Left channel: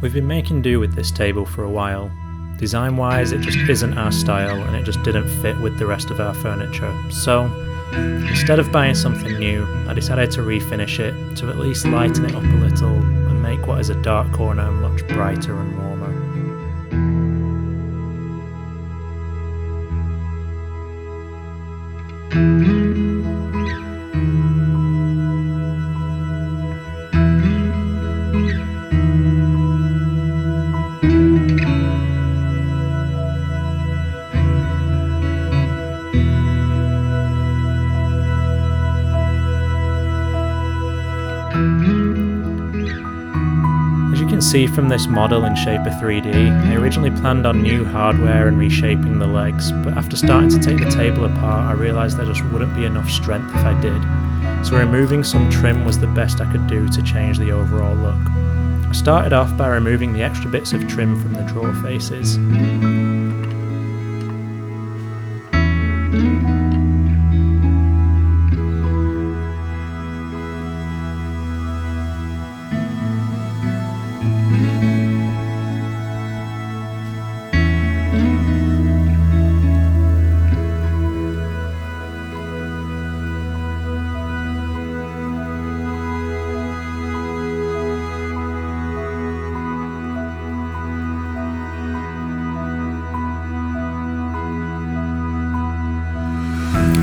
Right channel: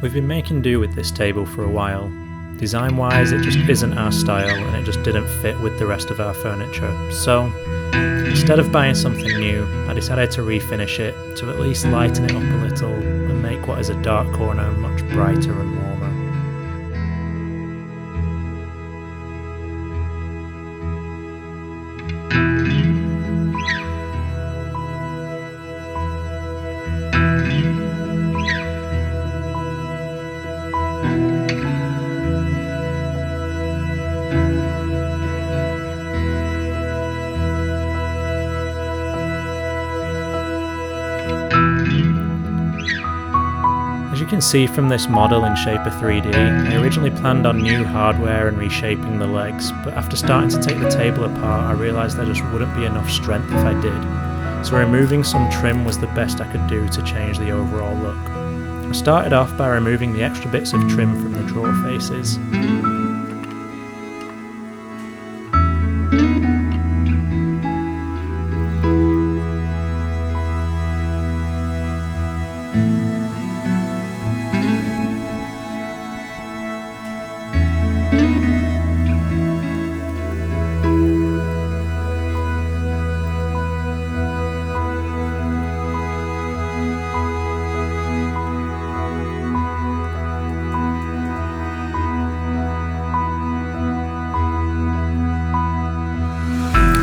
We've been making do with this table for a while. Design wise it just isn't our style and it just didn't fit with the rest of our furniture, so instead of buying something new I decided to refinish it to at least lighten it up a little and make what is a dark corner much brighter and warmer. As you can see from this model in Shaper 3D, I originally planned on new hardware and reshaping the legs, but after starting to take the table apart I realised there just wouldn't be enough strength if I did, so removing some trim was the best I could do to change the overall look. I started off by removing the extra bits of trim from the drawer faces.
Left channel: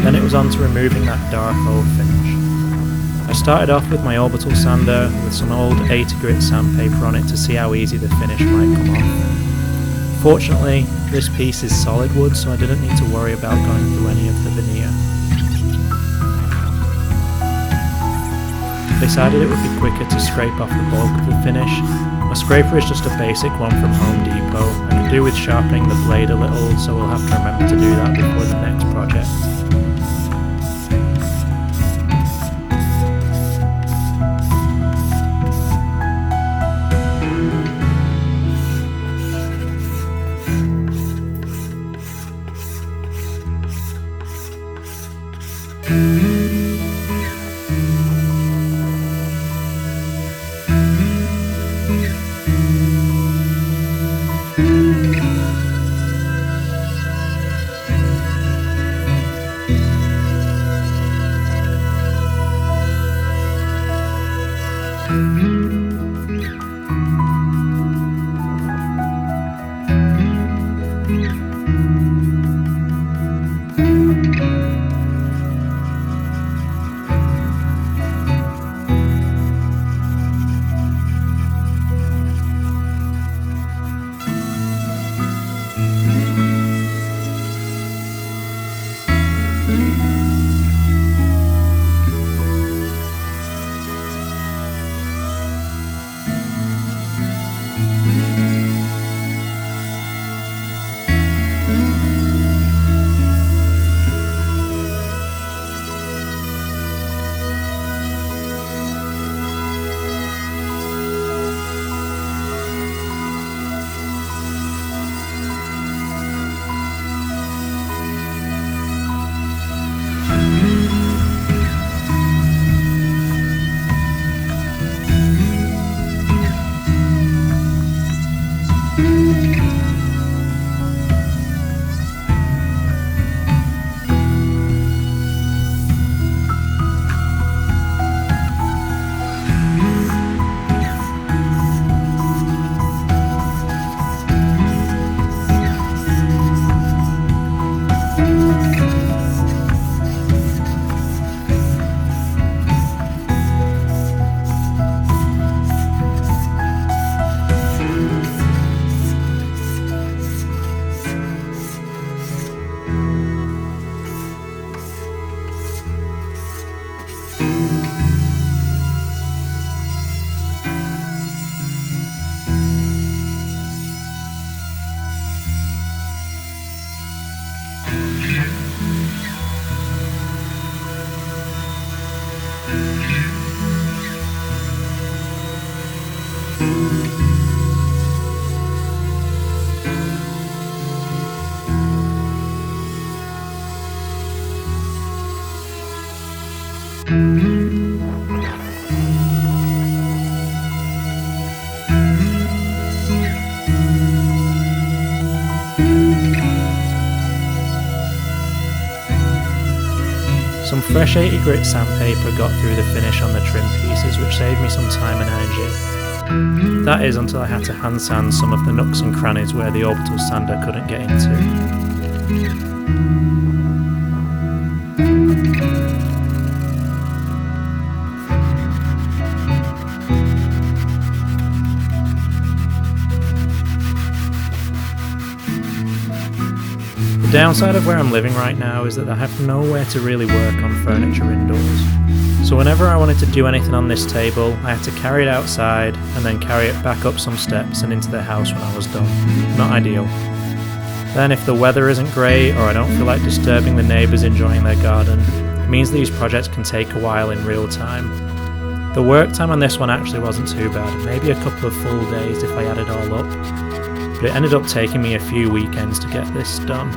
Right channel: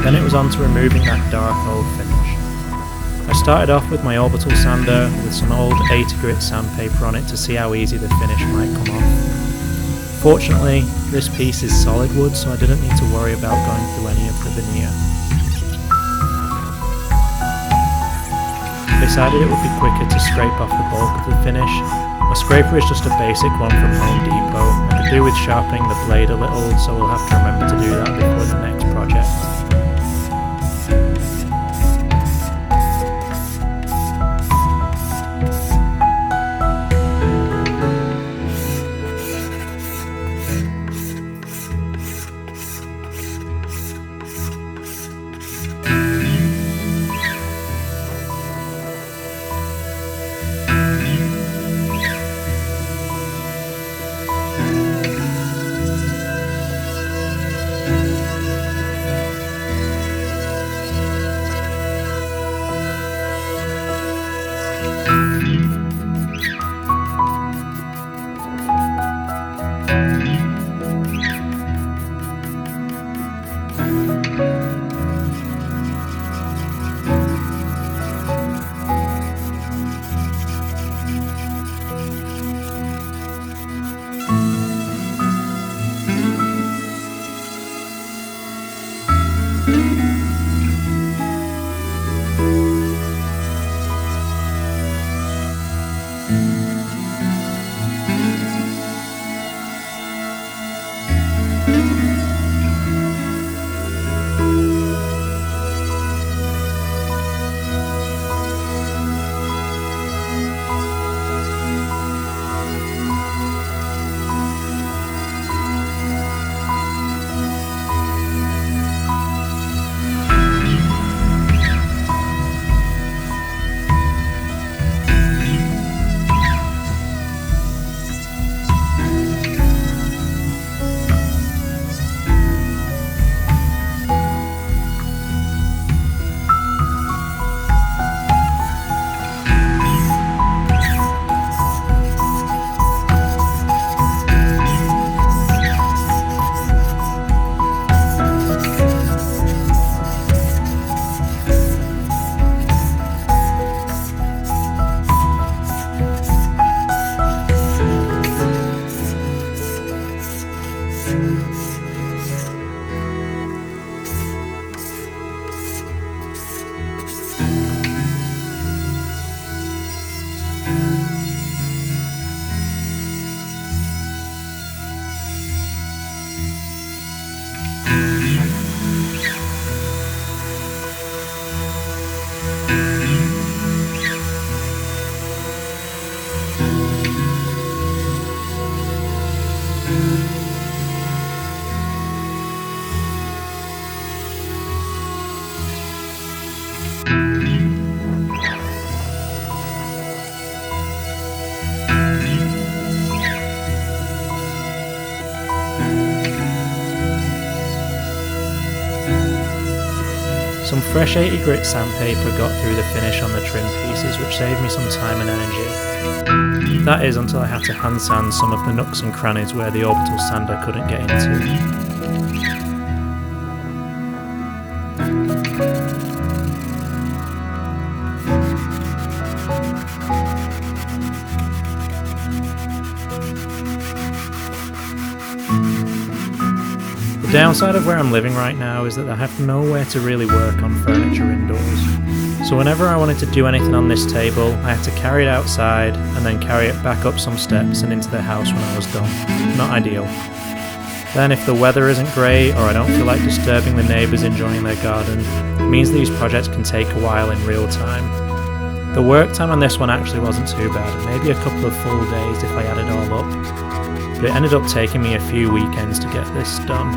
Then it was on to removing that dark old finish. I started off with my orbital sander with some old 80 grit sandpaper on it to see how easy the finish might come off. Fortunately, this piece is solid wood, so I didn't need to worry about going through any of the veneer. I decided it would be quicker to scrape off the bulk of the finish. My scraper is just a basic one from Home Depot. I could do with sharpening the blade a little, so we'll have to remember to do that before the next project. fresh 80 grit sandpaper got through the finish on the trim pieces, which saved me some time and energy. That is, until I had to hand sand some of the nooks and crannies where the orbital sander couldn't get into. The downside of where I'm living right now is that I have nowhere to really work on furniture indoors. So whenever I wanted to do anything on this table, I had to carry it outside and then carry it back up some steps and into the house when I was done. Not ideal. Then if the weather isn't great or I don't feel like disturbing the neighbours enjoying their garden, it means these projects can take a while in real time. The work time on this one actually wasn't too bad, maybe a couple of full days if I add it all up. But it ended up taking me a few weekends to get this done.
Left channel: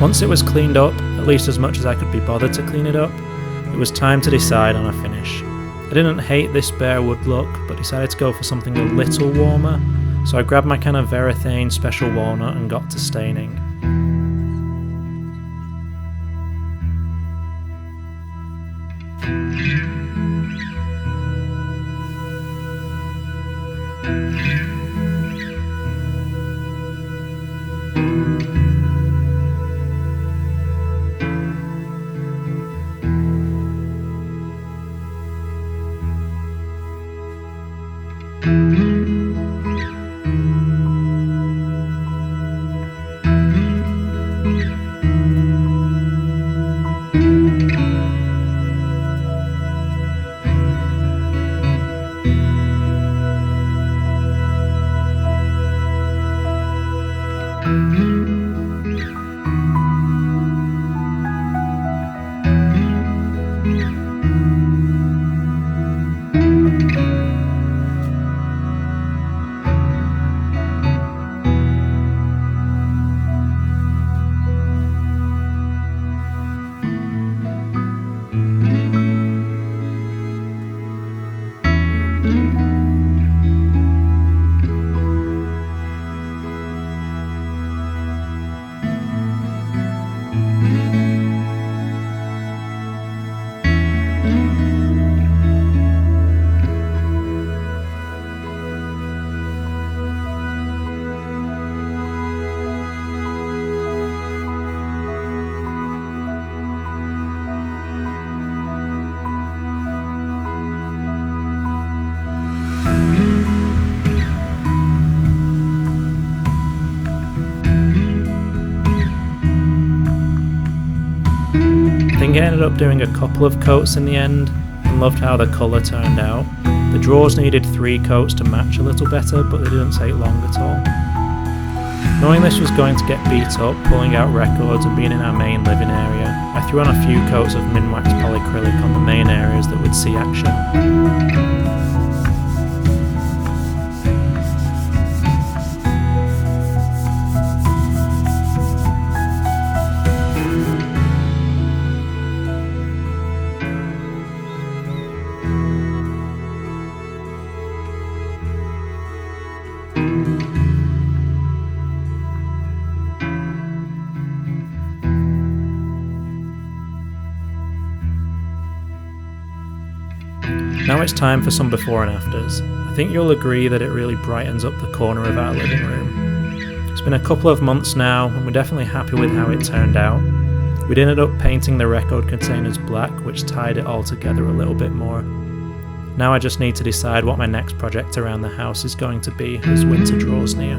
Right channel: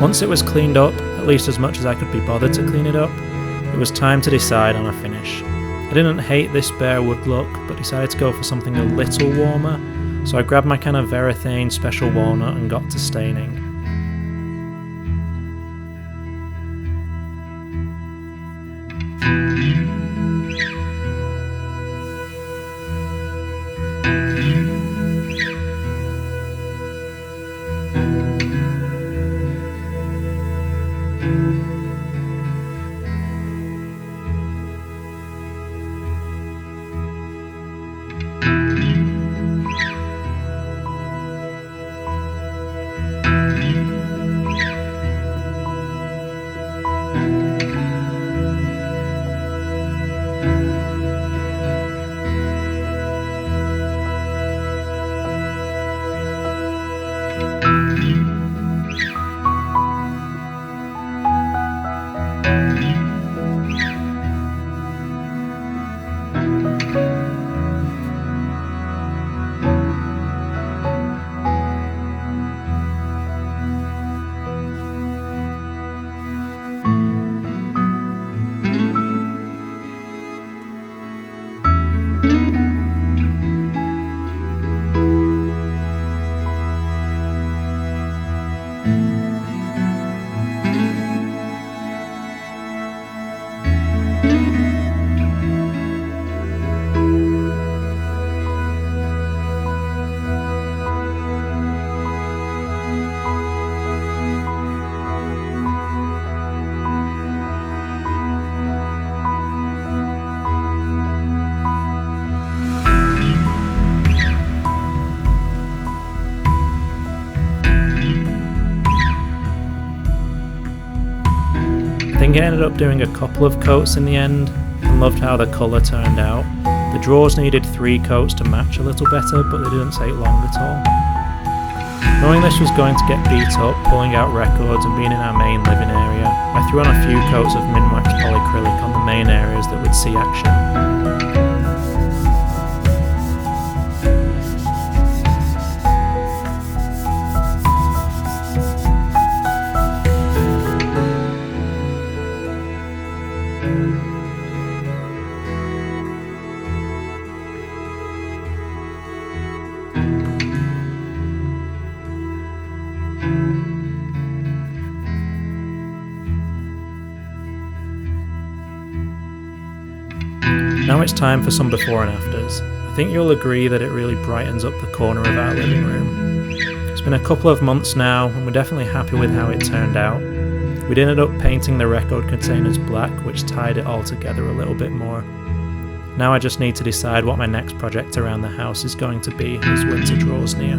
Once it was cleaned up, at least as much as I could be bothered to clean it up, it was time to decide on a finish. I didn't hate this bare wood look, but decided to go for something a little warmer, so I grabbed my can of Varathane Special Walnut and got to staining. I think I ended up doing a couple of coats in the end and loved how the colour turned out. The drawers needed 3 coats to match a little better, but they didn't take long at all. Knowing this was going to get beat up, pulling out records and being in our main living area, I threw on a few coats of Minwax polyacrylic on the main areas that would see action. Now it's time for some before and afters. I think you'll agree that it really brightens up the corner of our living room. It's been a couple of months now and we're definitely happy with how it turned out. We'd ended up painting the record containers black, which tied it all together a little bit more. Now I just need to decide what my next project around the house is going to be as winter draws near.